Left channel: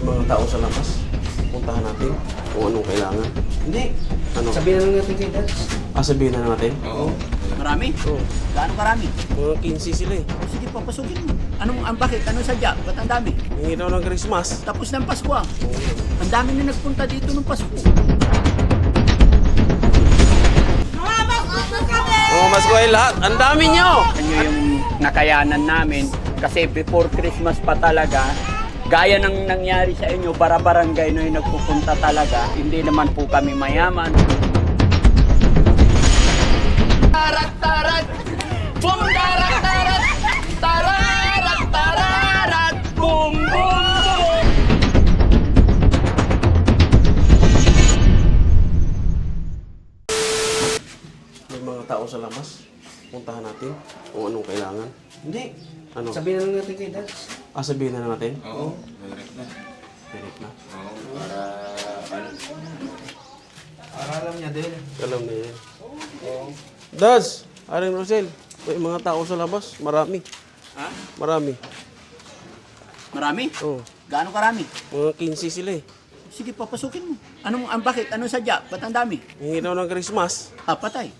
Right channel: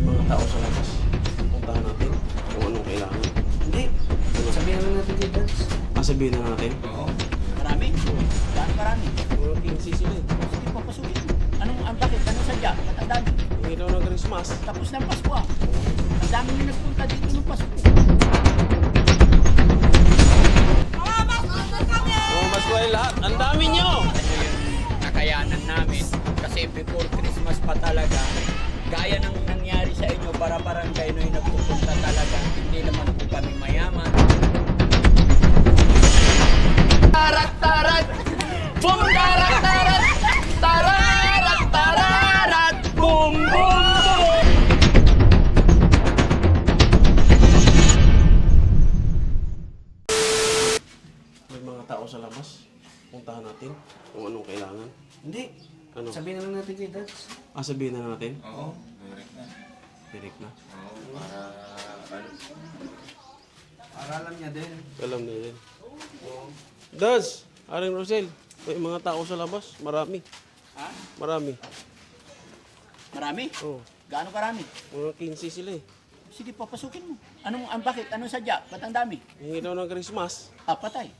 May mga tao sa labas. Puntahan natin kung anong kailangan. Hindi. Ano? Sabihin na lang natin kay Dads. Sabihin na natin? Oo. Marami? Oo. Gaano karami? Mga 15 sila eh. Sige, papasukin mo. Bakit? Anong sadya? Ba't ang dami? Hingi daw ng Christmas. Tapos ng Pasko ah. Oo. Ang dami na nagpunta dito ng Pasko. Oh, mas ko ay lahat. Ang dami nyo! Ano yung nakayanan namin? Kasi before Christmas pa talaga, gaya ng nangyari sa inyo, bara-barangay na yung nagpupunta talaga. Hindi naman po kami mayaman. Tarat, tarat! Boom, tarat, tarat! Tararat, tararat! Boom, boom, boom! May mga tao sa labas. Puntahan natin kung anong kailangan. Hindi. Ano? Sabihin na lang natin kay Dads. Sabihin na natin? Oo, direct na. Direct na. Oo, para alam niya din. Alam na yan. Daz! Aring Marcel, may mga tao sa labas. Marami. Ha? Marami. Marami? Oo. Gaano karami? Mga 15 sila eh. Sige, papasukin mo. Bakit? Anong sadya? Ba't ang dami? Hingi daw ng Christmas. Patay.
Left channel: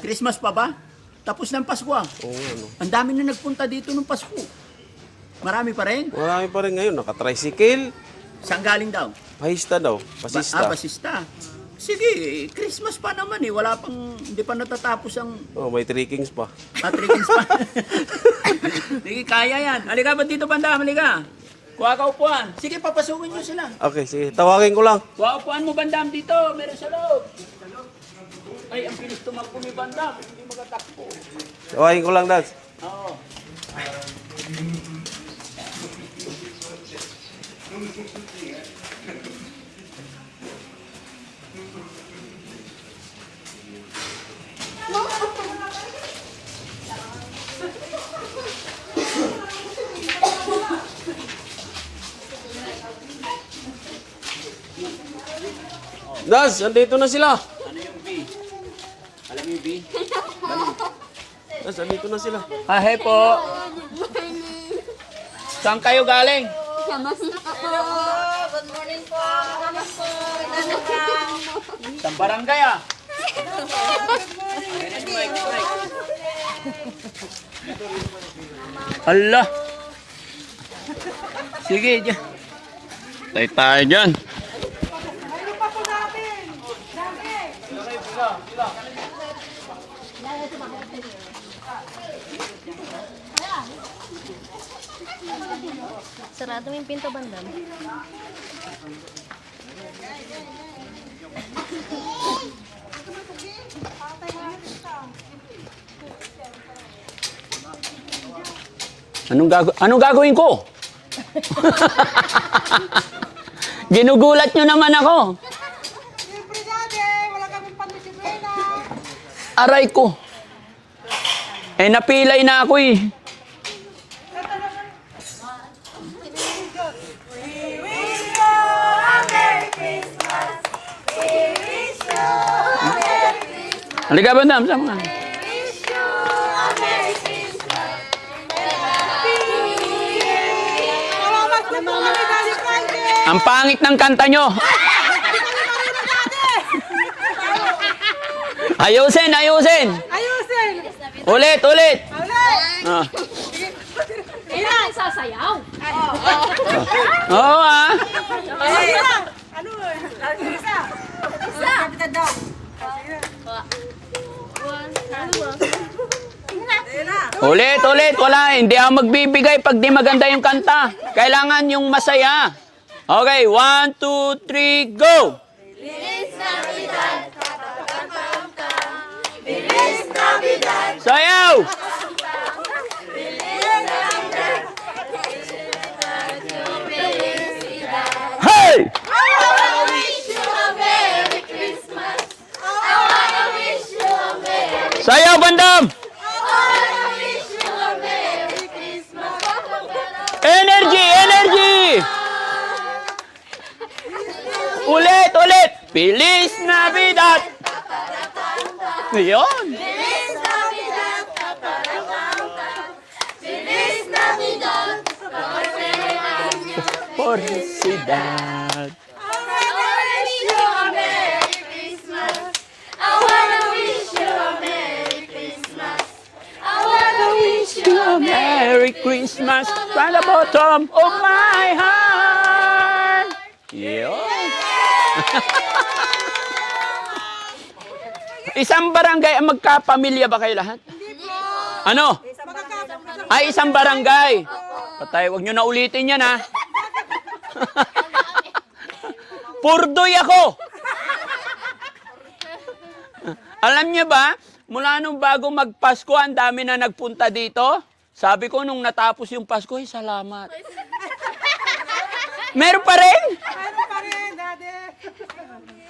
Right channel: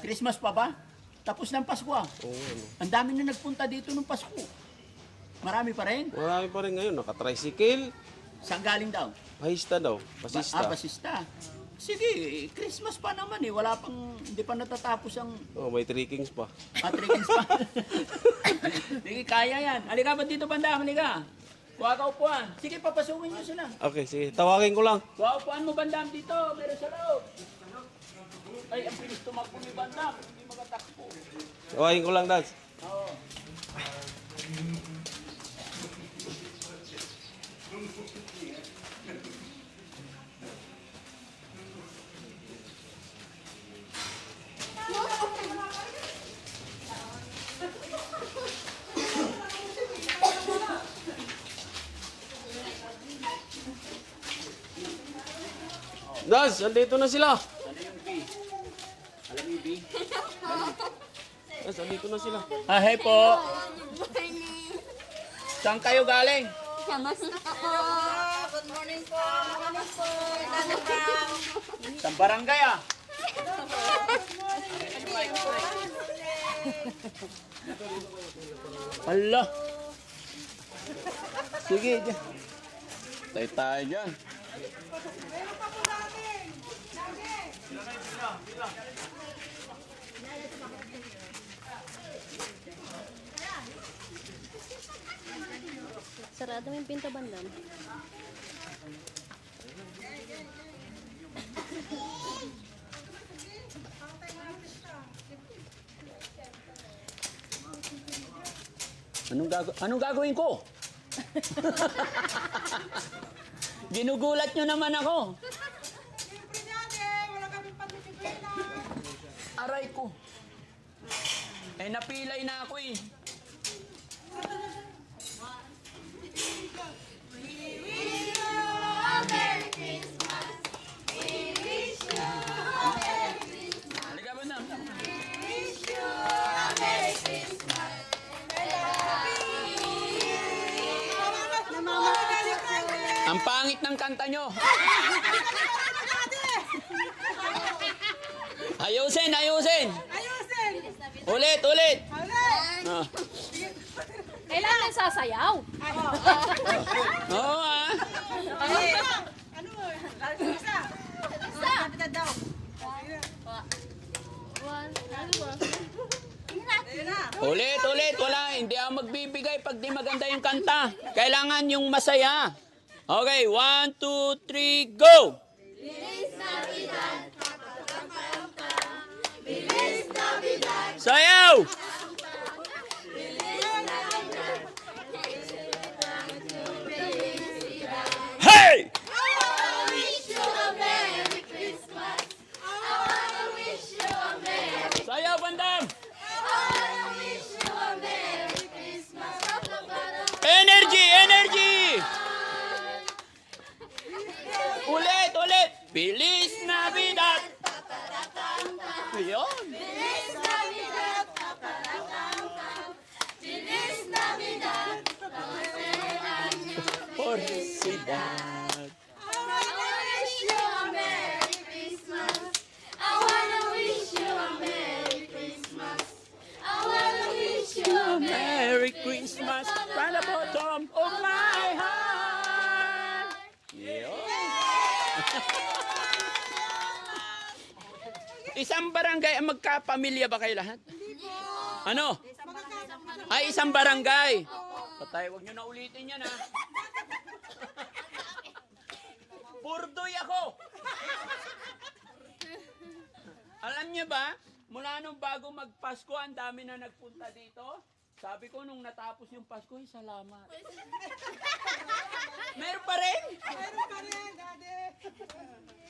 Christmas pa ba? Tapos ng Pasko ah. Oo, ano. Ang dami na nagpunta dito ng Pasko. Marami pa rin? Marami pa rin ngayon. Naka-tricycle. Saan galing daw? Bahista daw. Basista. Basista. Sige, Christmas pa naman eh. Wala pang, hindi pa natatapos ang Oh, may 3 kings pa. trickings pa. Sige, kaya yan. Halika ba dito, Bandam? Halika. Kuha ka upuan. Sige, papasukin nyo sila. Okay, sige. Tawagin ko lang. Kuha upuan mo, Bandam, dito. Meron sa loob. Ay, ang bilis tumakbo ni Bandam. Hindi magatakbo. Tawagin ko lang, Daz. Oo. Daz, andito na sila. Ano yung B? Alam mo yung B? Daz, andito na sila. Hey po. Saan kayo galing? Good morning po. Saan barangay ah? Allah. Sige, dyan. Tayo dyan. Sarado mo yung pinto, Bandam. Anong gagawin ko? Ginugulat nyo naman ako. Siyempre dati, wala kaming pandisiplina. Aray ko. Napilay na ako eh. Halika, Bandam, sama ka. Ang pangit ng kanta nyo. Ayusin, ayusin. Ayusin! Ulit, ulit. Ulit! Ah. Kaya na nagsasayaw. Oo ah. Isa! Ano? Isa! Isa! Kapitad daw. Ulit, ulit. Wala. Hindi ako magbibigay pag di maganda yung kanta. Kailangan yung masaya. Okay, 1, 2, 3, go! Sayaw! Hey! Sayaw, Bandam! Energy! Energy! Ulit! Ulit! Feliz Navidad! Ayun! felicidad. A Merry Christmas from the bottom of my heart. Yun. Isang barangay ang magkapamilya ba kayo lahat? Ano? Ay, isang barangay. Patay, wag nyo na ulitin yan, ha? Purdoy ako. Alam niyo ba, mula nung bago magpasko, ang dami na nagpunta dito. Sabi ko, nung natapos yung Pasko, salamat. Meron pa rin? Ano pa rin, Daddy?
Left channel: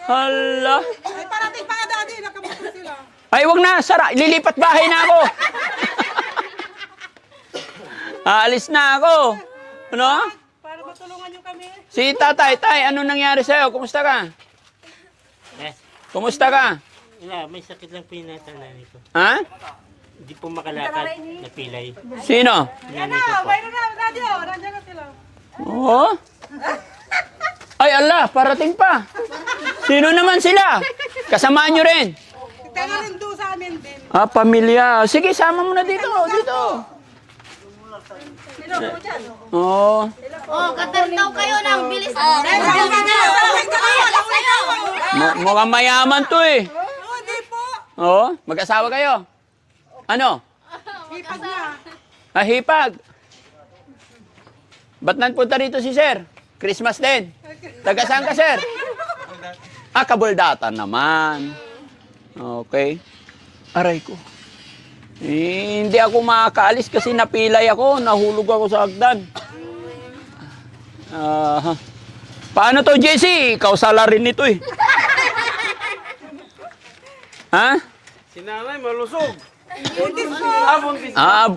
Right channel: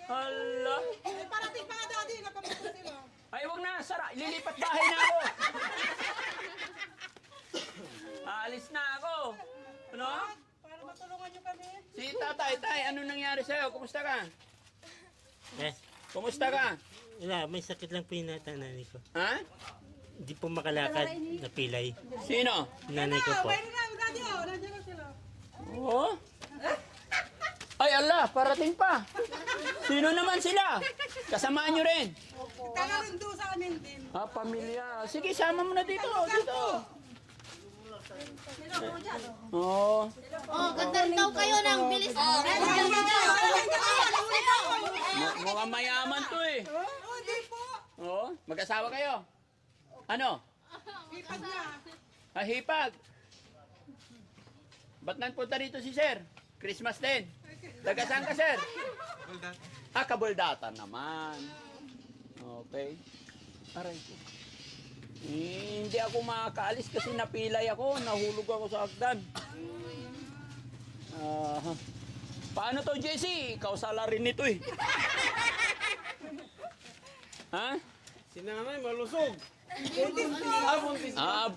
Hala. Ay, parating pa nga, Daddy. Nakamusta sila. Ay, wag na. Lilipat bahay na ako. Aalis na ako. Ano? Para matulungan niyo kami. Si tatay, ano nangyari sa'yo? Kumusta ka? Kumusta ka? Wala, may sakit lang po yung nanay ko. Ha? Hindi po makalakad, napilay. Sino? Yan na, mayroon na, Daddy. Oh, nandiyan na sila. Oo. Ay, Allah, parating pa. Sino naman sila? Kasamaan nyo rin. Taga rin doon sa amin din. Ah, pamilya. Sige, sama mo na dito. Dito. Oo. Oh, katar daw kayo ng bilis. Mukhang mayaman to eh. Oo, di po. Oo. Mag-asawa kayo? Ano? Hipag niya. Ah, hipag. Ba't nanpunta dito si Sir? Christmas din. Taga saan ka, Sir? Ah, Kabaldatan naman. Okay. Aray ko. Hindi ako makakaalis kasi napilay ako. Nahulog ako sa hagdan. Paano to, Jesse? Ikaw sala rin nito eh. Ha? Si nanay malusog. Buntis po. Buntis. Wala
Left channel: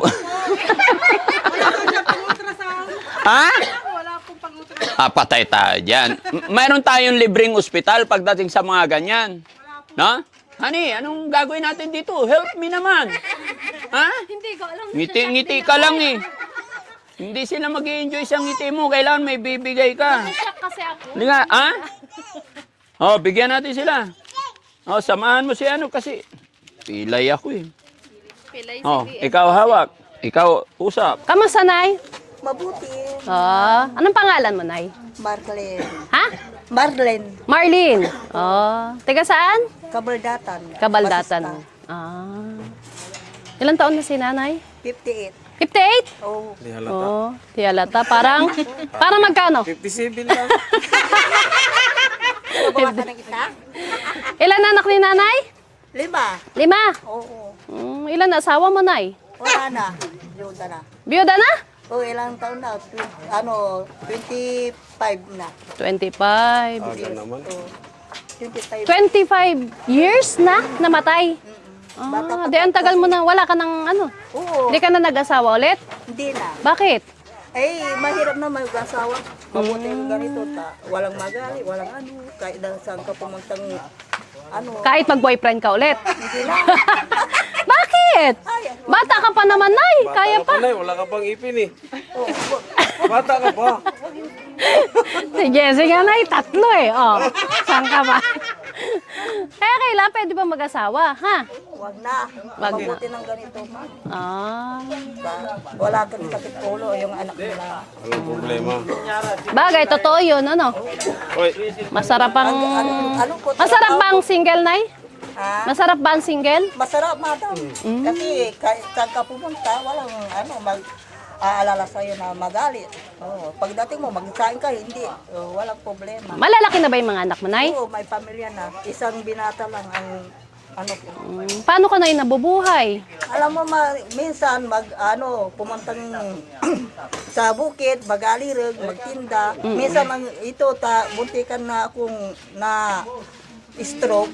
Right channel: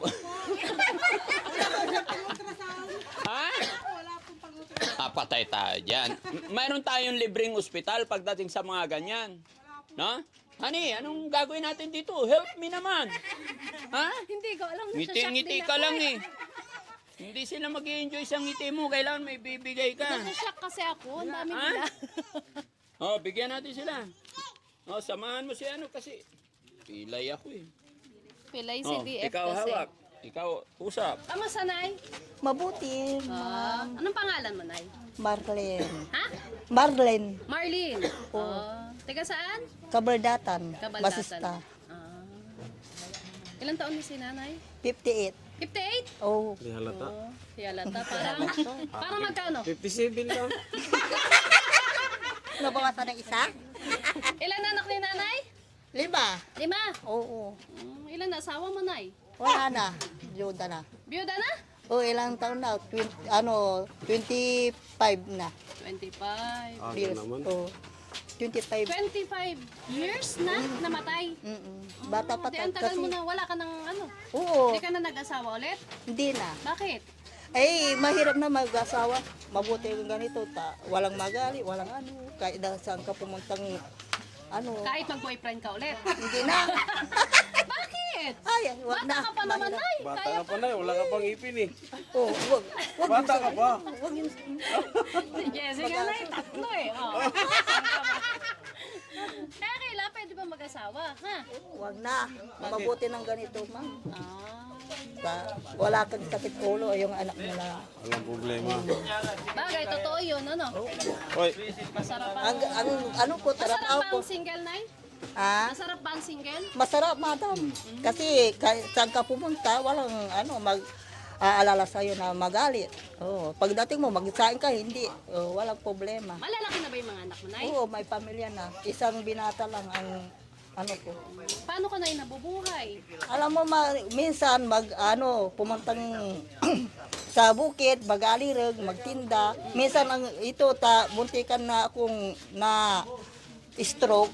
po siyang pang-ultrasound. Ha? Wala pong pang-ultrasound. Patay tayo dyan. Mayroon tayong libreng ospital pagdating sa mga ganyan. No? Honey, anong gagawin natin dito? Help me naman. Ha? Hindi ko alam. Ngiti-ngiti ka lang eh. Hindi sila mag-i-enjoy sa ngiti mo. Kailangan may bibigay ka. Shock kasi ako. Hindi nga, ha? Oh, bigyan natin sila. Oh, samahan mo si ano kasi pilay ako eh. Pilay Oh, ikaw hawak. Ikaw usap. Kamusta, Nay? Mabuti. Anong pangalan mo, Nay? Marlene. Ha? Marlene. Marlene. Taga saan? Kabaldatan. Kabaldatan. Ilang taon na si Nanay? 58. 58? Oh. Di halata. Di halata. Parang magkano? 57 lang. Nabawasan ng isa? Ilan anak ni Nanay? 5. 5. Oo. Ilan na asawa mo, Nay? Wala na. Luda na. Biyuda na? O, ilang taon na? 25 na. 25. Aga naman. 25. 25 years na namatay. Di ang tagal mo na, wala ka ng ano. Oo. Hindi ka na nag-asawa ulit? Hindi na. Bakit? Eh, mahirap na mag-asawa. Mabuti yung ganito. Walang magali, walang ano. Kahit na saan ka pumuntang ano. Kahit mag-boyfriend ka ulit? Hindi na. Bakit? Bata ka pa naman, Nay. Kaya Bata ka pa. Nay, wala ka pang ipin eh. Bata ka pa. Si Jessie nga, Nay, 3 eh. Oh, saan ka ba? Kaya kailan pwede ba mag-asawa, ha? Wag na. Wag na. Mabuti ng ganito, ma. Wala kang sakit ulo yung anak mo na. Walang problema. Bagay, totoo yun, ano? Hoy, Masarap ang... Ano po? Masarap ba ang single, Nay? Ha? Masarap ba ang single? Masarap, madam. Kasi kahit ka pupunta, walang ano, aalala sa'yo na magalit. Oh, pagdating mo, magkain ka, hindi. Oh, walang problema. Malalaki na ba yung mga anak mo, Nay? Oo, may pamilya na. Isang binata lang ang ano ko. Paano ka, Nay, nabubuhay? Alam mo, minsan pumuntang sa bukid, mag-alirag, magtinda. Minsan ito, buntikan na akong na stroke,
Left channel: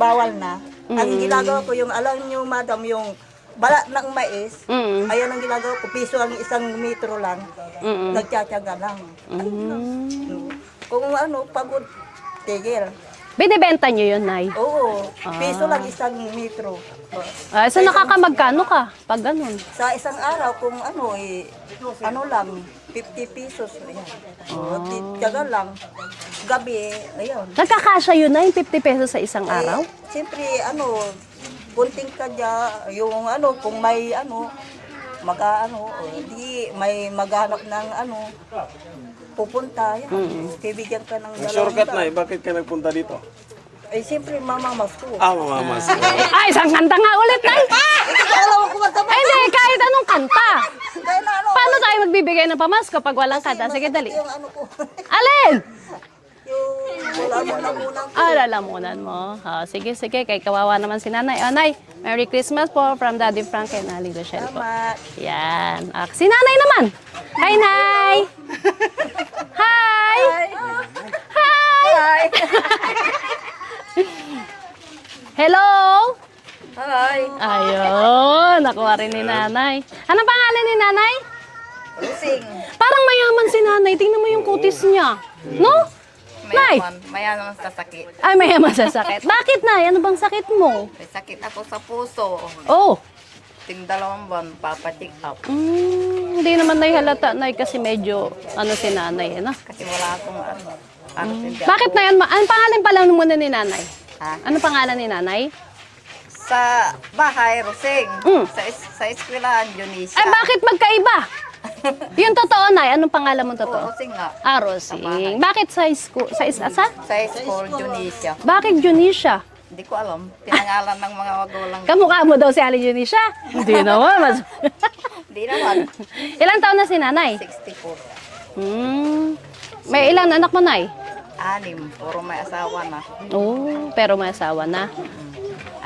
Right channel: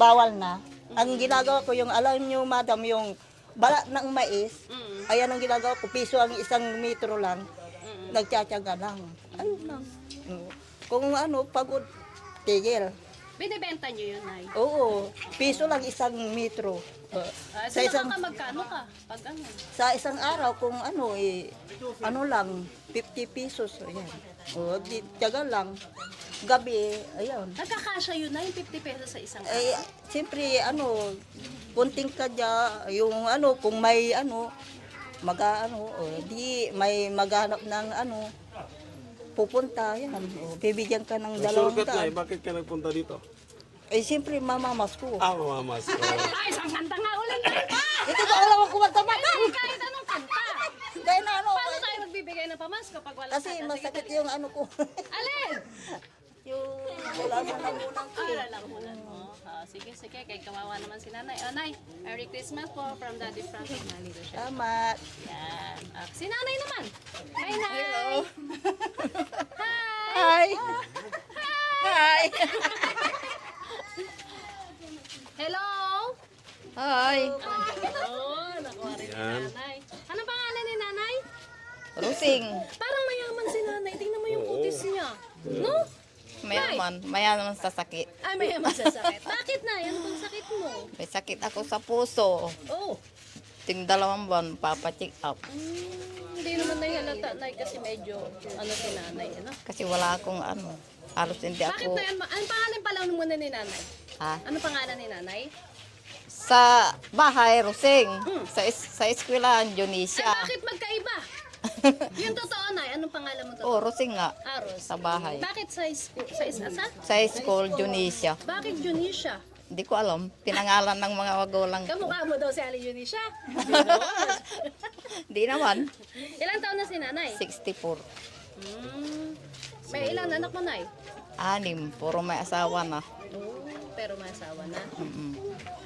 bawal na. Ang ginagawa ko yung, alam nyo, madam, yung balat ng mais, ayan ang ginagawa ko, piso ang 1 metro lang, nagtsatsaga lang. Kung ano, pagod, tigil. Binibenta nyo yun, Nay? Oo, piso lang isang metro. So nakakamagkano ka pag ganun? Sa isang araw, kung ano, ano lang, 50 pesos. Ayan. Tiyaga lang. Gabi, ayun. Nagkakasya yun, Nay, 50 pesos sa isang araw? Siyempre, ano, punting ka dyan, yung ano, kung may ano, hindi may maghanap ng ano, pupunta, yan. Bibigyan ka ng May shortcut na bakit ka nagpunta dito? Eh, siyempre, mamamas ko. Mamamas. Ay, isang kanta nga ulit, Nay! Alam mo kumanta ba? Ay, hindi, kahit anong kanta. Kaya na ano, Paano tayo magbibigay ng pamasko pag walang kanta? Sige, dali. yung ano ko, Alin? yung wala mo na munang Lalamunan mo. Sige, kay kawawa naman si Nanay. Nay, Merry Christmas po from Daddy Frank and Ali Rochelle po. tama. Yan. Si Nanay naman. Hi, Nay! Hi! Ay, Hi! Hello? ay, Ayun, nakuha rin ni Nanay. Anong pangalan ni Nanay? sing. Parang mayaman si Nanay. Tingnan mo yung kutis niya. No? Nay! Mayaman sa sakit. Ay, mayaman sa sakit. Bakit, Nay? Ano bang sakit mo? May sakit ako sa puso. Oh, Dalawang buwan, papacheck up. hindi naman Nay halata, Nay, kasi medyo, si Nanay, ano? Kasi wala akong hindi Bakit, ako, Nay? Anong pangalan pala muna ni Nanay? Ha? Anong pangalan ni Nanay? Sa bahay, Rosing. Mm. Sa eskwelahan, Junisia. Ay, bakit magkaiba? Yung totoo, Nay. Anong pangalan mo Oo, totoo? Rosing nga. Rosing. Bakit sa school? Sa isa? Sa school, Junisia. Bakit Junisha? Hindi ko alam. Pinangalan ng mga wagulang. Kamukha mo daw si Ali Junisha? Hindi naman. Hindi naman. Ilang taon na si Nanay? 64. May ilang anak mo, Nay? 6. Puro may asawa na. Oh, pero may asawa na.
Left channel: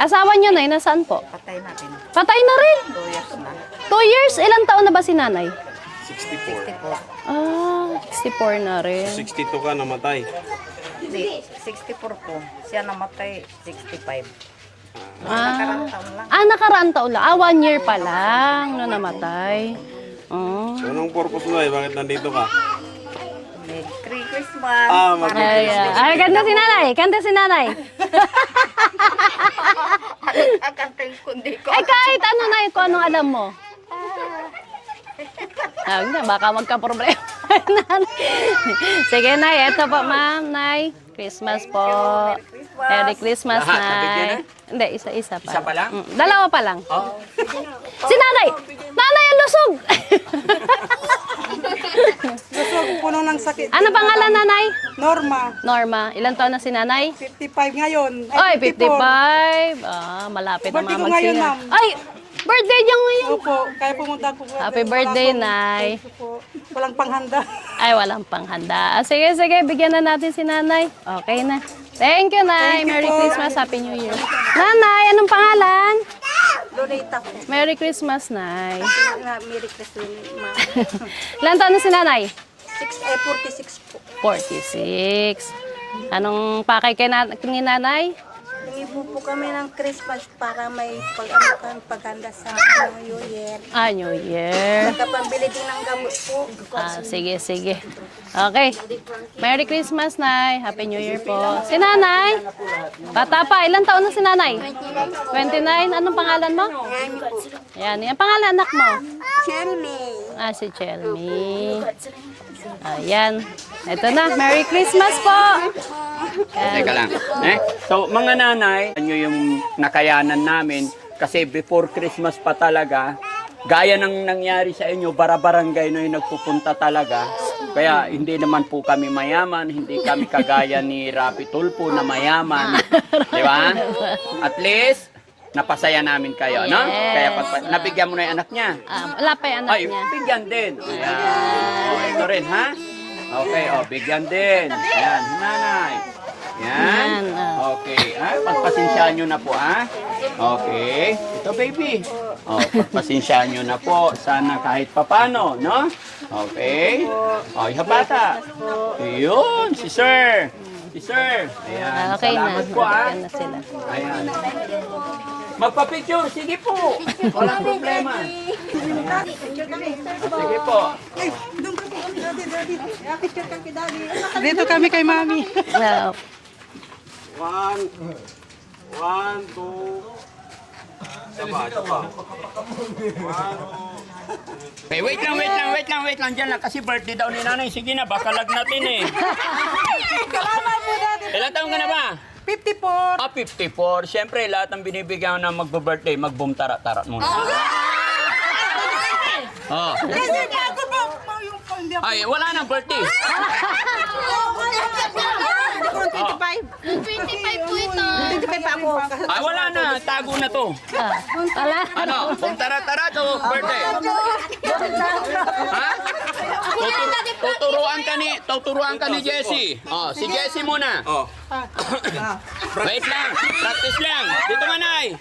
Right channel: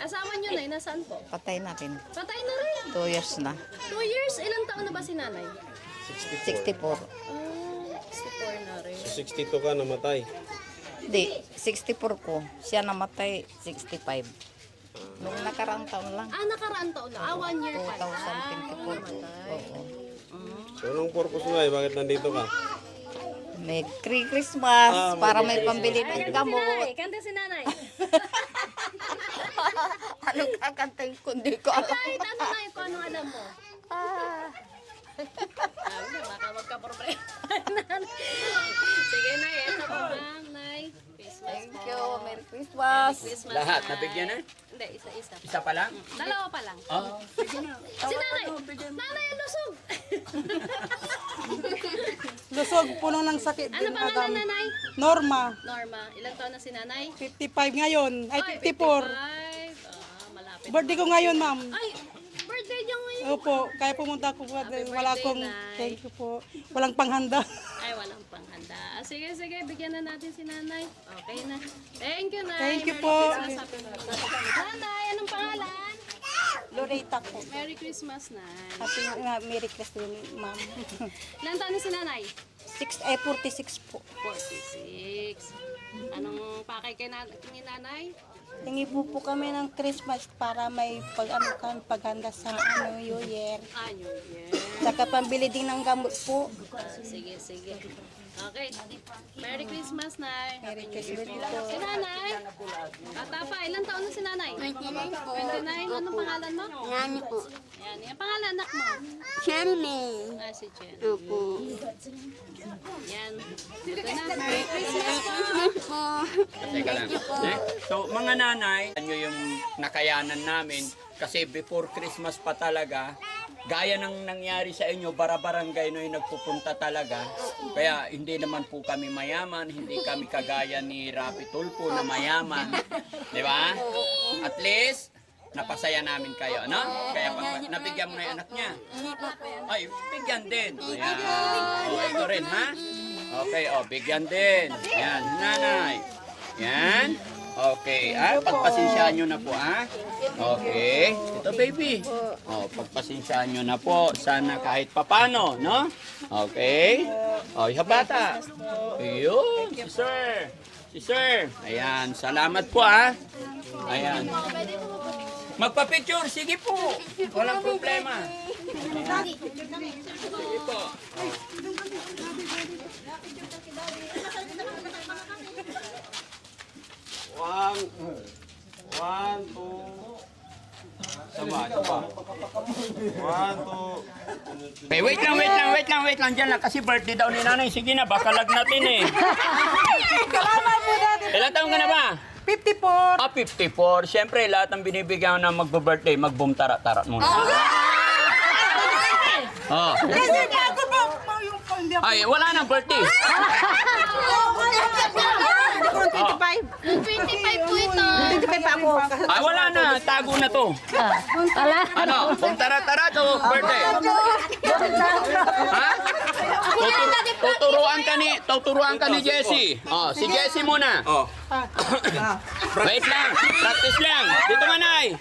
Asawa niyo, Nay, nasaan po? Patay natin. Patay na rin. 2 years na. 2 years? Ilang taon na ba si Nanay? 64. 64 na rin. 62 ka namatay. Hindi, 64 ko. Siya namatay, 65. Nakarang taon lang. Nakaraan taon lang. 1 year pa lang na namatay. Oh. Anong purpose mo bakit nandito ka? Merry Christmas. Para Ay, kanta si Nanay. Kanta si Nanay. Kakantin kundi ko. Kahit ano, Nay, kung anong alam mo. Baka magka-problema. Sige, Nay. Ito po, ma'am, Nay. Christmas po. Merry Christmas, Lahat, Nay. nabigyan na? Hindi, isa-isa pa. Isa pa lang? Dalawa pa lang. Si Nanay! Nanay, ang lusog! Lusog, puno ng sakit. Ano pangalan, Nanay? Norma, Norma. Ilan taon na si Nanay? 55 ngayon. Ay, 54. 55. Malapit na Birthday ko ngayon, magsinga. ma'am. Ay, birthday niya ngayon. Opo, kaya pumunta ko. Happy birthday, Nay. Opo, walang panghanda. Ay, walang panghanda. Sige, bigyan na natin si Nanay. Okay na. Thank you, Nay. Thank you Merry po. Christmas. Happy New Year. Nanay, anong pangalan? Lunita ko. Merry Christmas, Nay. Merry Christmas, ma'am. Ilan taon na si Nanay? 46 po. 46. Anong pakay kay ni Nanay? Hingi po kami ng Christmas para may paghanda sa New Year. New Year. Nagkapambili din ng gamot po. Sige. Okay. Merry Christmas, Nay. Happy New Year po. Si Nanay? Bata pa. Ilang taon na si Nanay? 29. Anong pangalan mo? Yan. Ang pangalan anak mo? Chelmy. Si Chelmy. Ayan. Ito na. Merry Christmas po. Teka lang. So, mga nanay, ano yung nakayanan namin kasi before Christmas pa talaga, gaya ng nangyari sa inyo, bara-barangay na yung nagpupunta talaga. Kaya hindi naman po kami mayaman, hindi kami kagaya ni Rapi Tulfo na mayaman. Di ba? At least, napasaya namin kayo, no? Kaya nabigyan mo na yung anak niya. Wala pa yung anak Ay, niya. bigyan din. Ayan. Ito rin, ha? Okay, bigyan din. Ayan, nanay. Yan. Okay, pagpasensyaan nyo na po, Okay. Ito, baby. Pagpasensyaan nyo na po. Sana kahit papano, no? Okay. Yung bata. Yun, si sir. Ayan, Okay salamat na. po, Bigyan na sila. Ayan. Magpa-picture, sige po. Walang problema. Sige po. Dito kami kay Mami. Well, One, two. Taba. One, two. Okay, wait lang dyan lang kasi birthday daw ni nanay. Sige na, baka lagnatin eh. Salamat po, Daddy. Ilang taon ka na ba? 54. 54. Siyempre, lahat ng binibigyan ng magbo-birthday, mag-boom tarat-tarat muna. Oh. Kasi bago pa yung hindi ako. Ay, wala nang birthday. 25 po ito. 25 pa ako. Ay, wala na. Tago na to. Wala. Ano? Boom tarat-tarat o birthday? Ha? Tuturuan ka ni Jessie. Oh, si Jessie muna. Oh. Wait lang. Practice lang. Dito ka, Nay.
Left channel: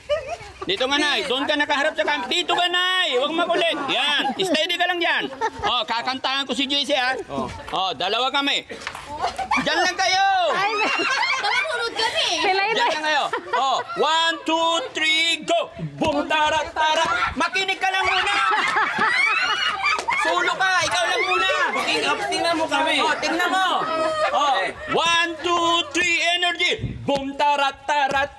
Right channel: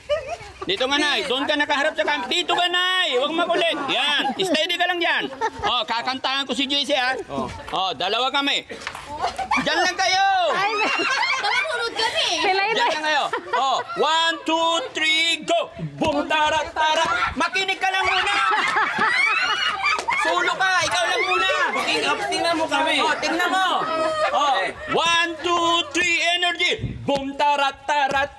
Dito nga, Nay. Doon ka nakaharap sa camera. Dito ka, Nay. Huwag makulit. Yan. Steady ka lang dyan. Oh, kakantahan ko si Jessie, ha? Oh, dalawa kami. Diyan lang kayo. Tulog kami. Pilay Diyan lang kayo. Oh, 1, 2, 3, go. Boom, tarat-tarat. Makinig ka lang muna. Solo ka. Ikaw lang muna. Tingnan mo kami. Oh, tingnan mo. Oh, 1, 2, 3, energy. Boom, tarat-tarat.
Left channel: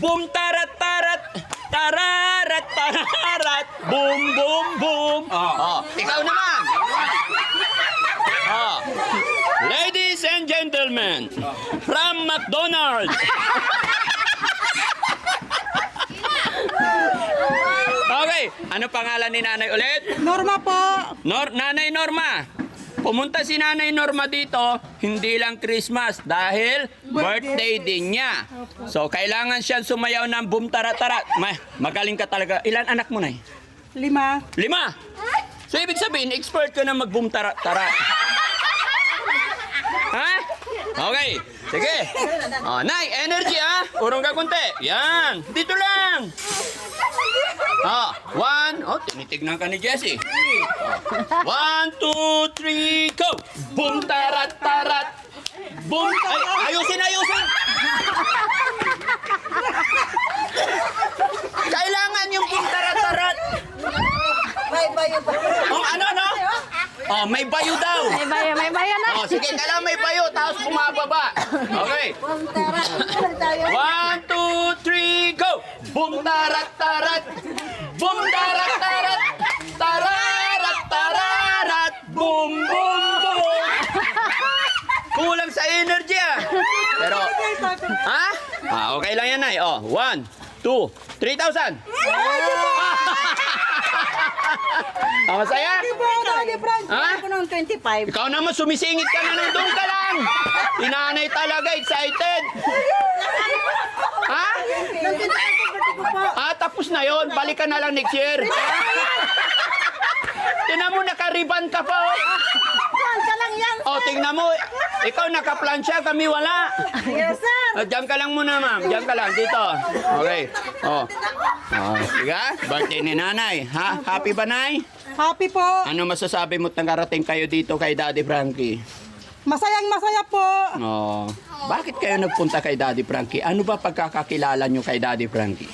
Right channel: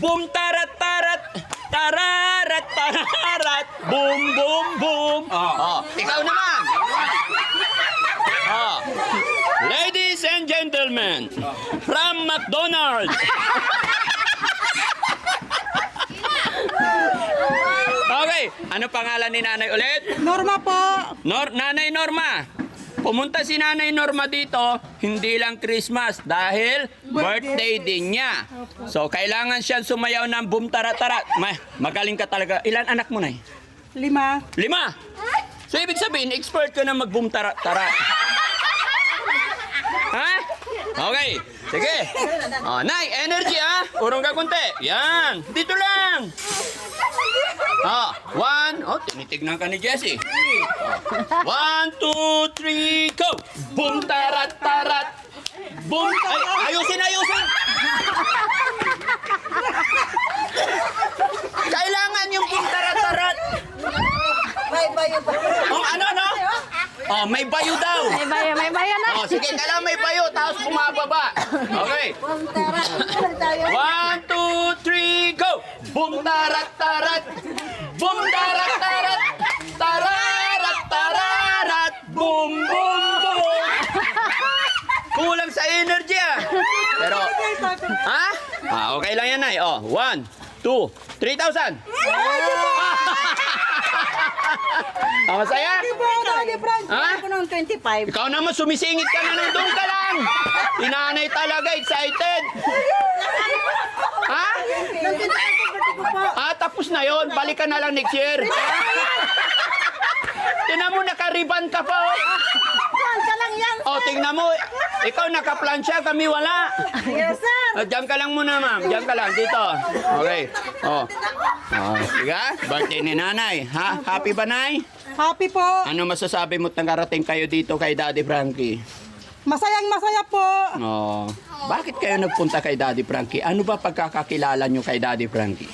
Boom, tarat-tarat. Tararat-tararat. Boom, boom, boom. Oh, ikaw naman. Oh. Ladies and gentlemen, from McDonald's. Okay, ano pangalan ni nanay ulit? Norma po. Nanay Norma. Pumunta si Nanay Norma dito, hindi lang Christmas, dahil birthday din niya. So, kailangan siyang sumayaw ng boom tarat-tarat. Magaling ka talaga. Ilan anak mo, Nay? 5. 5. So, ibig sabihin, expert ka na mag-boom tarat-tarat. Ha? Okay. Sige. Oh, Nay, energy urong ka kunti. Yan. Dito lang. Oh, 1. Oh, tinitignan ka ni Jessie. 1, 2, 3, go. Boom, tarat, tarat. Boom. Ay, ayusin. Kailangan yung boom, tarat, tarat. May bayo pa. Oh, ano? Oh, may bayo daw. May bayan na. Oh, sige, kailangan may bayo, tapos bumababa. Okay. 1, 2, 3, go! Boom, tarat, tarat! Boom, tarat, tarat! Tararat, tararat! Boom, boom, boom! Kulang sa energy, Pero, ha? Okay lang yan, Nay. Oh, 1, 2, 3,000! Masaya? Daddy Frank. Ha? Ako ng 25. Ikaw naman, sumisingit ka na nung doon ka lang. Inanay talaga, excited. Ha? Tapos na yon. Balik ka na lang next year. Tingnan mo, nakariban ka pa. Plancha lang yan. Oh, tingnan mo. Ikaw nakaplansya, kami wala. Yes, sir. Diyan ka lang muna, ma'am. Diyan ka lang, dito. Okay. Oh. Sige, birthday ni nanay. Ha? Happy ba, Nay? Happy po. Ano masasabi mo nangarating kayo dito kay Daddy Frankie? Masayang masaya po. Oh. Bakit kayo nagpunta kay Daddy Frankie? Ano ba pagkakakilala nyo kay Daddy Frankie?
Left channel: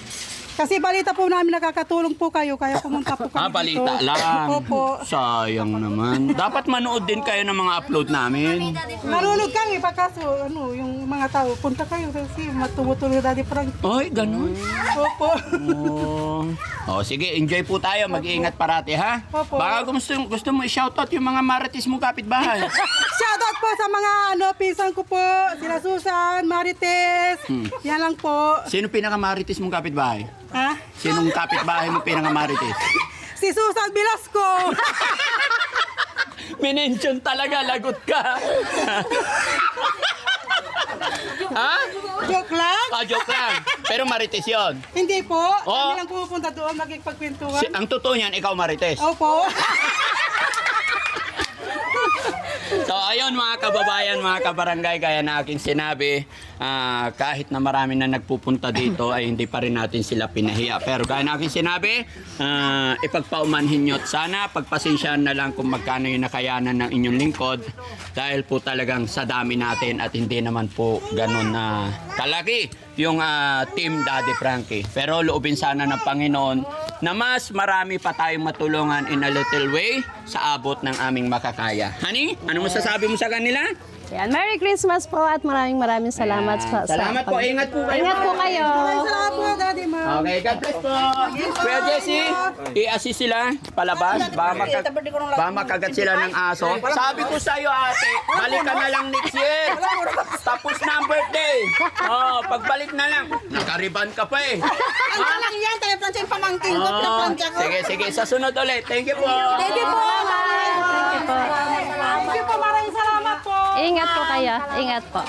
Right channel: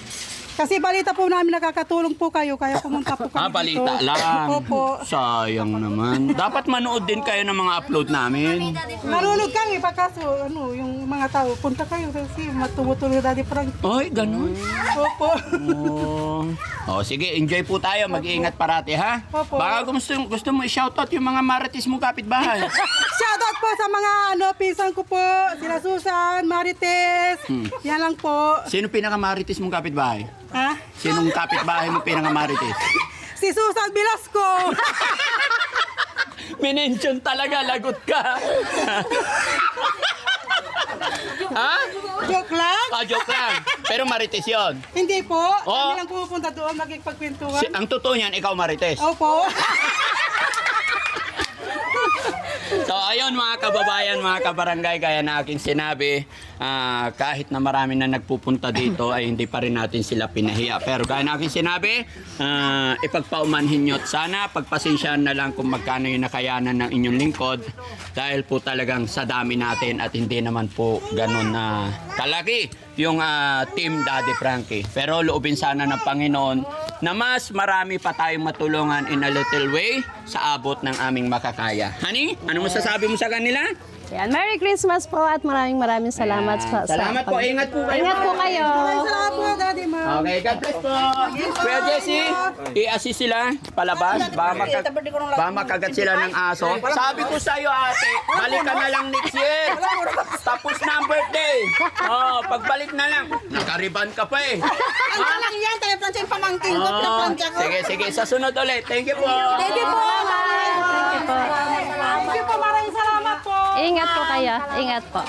Kasi balita po namin nakakatulong po kayo, kaya pumunta po kami Balita dito. lang. Opo. Sayang naman. Dapat manood din kayo ng mga upload namin. Nanonood kami, pagkaso, yung mga tao, punta kayo kasi matumutuloy Daddy Frank. Ay, ganun. Opo. Oh, sige, enjoy po tayo. Mag-iingat parati, ha? Opo. Baka gusto mo i-shoutout yung mga marites mong kapitbahay. Shoutout po sa mga pinsan ko po, sila Susan, Marites, yan lang po. Sino pinaka-marites mong kapitbahay? Ha? Sinong kapitbahay mo pinaka-marites? Si Susan Velasco. Minention talaga, lagot ka. Ha? Joke lang? Joke lang. Pero marites yun. Hindi po. Oh. Kami lang pupunta doon, magkikipagkwentuhan. Ang totoo niyan, ikaw marites. Opo. So ayun mga kababayan, mga kabarangay, gaya na aking sinabi, kahit na marami na nagpupunta dito ay hindi pa rin natin sila pinahiya. Pero gaya na aking sinabi, ipagpaumanhin nyo at sana pagpasensyahan na lang kung magkano yung nakayanan ng inyong lingkod dahil po talagang sa dami natin at hindi naman po ganun kalaki yung Team Daddy Frankie. Pero loobin sana ng Panginoon na mas marami pa tayong matulungan in a little way sa abot ng aming makakaya. Honey, ano masasabi mo sa kanila? Yan, Merry Christmas po at maraming salamat po. Salamat po. Ingat po kayo. Ingat po kayo. Salamat po, Daddy, Ma. Okay, God bless po. Kuya Jesse, i-assist sila palabas. Baka makagat sila ng aso. Sabi ko sa'yo, ate, balik ka na lang next year. Tapos na ang birthday. Oh, pagbalik na lang. Nakariban ka pa eh. Ano lang yan, tayo plancha yung pamangkin ko, pinaplansya ko. Sige, sa sunod ulit. Thank you po. Thank you po, Mama. Thank you po. Thank you po, maraming salamat po. Ingat po kayo. Ingat po.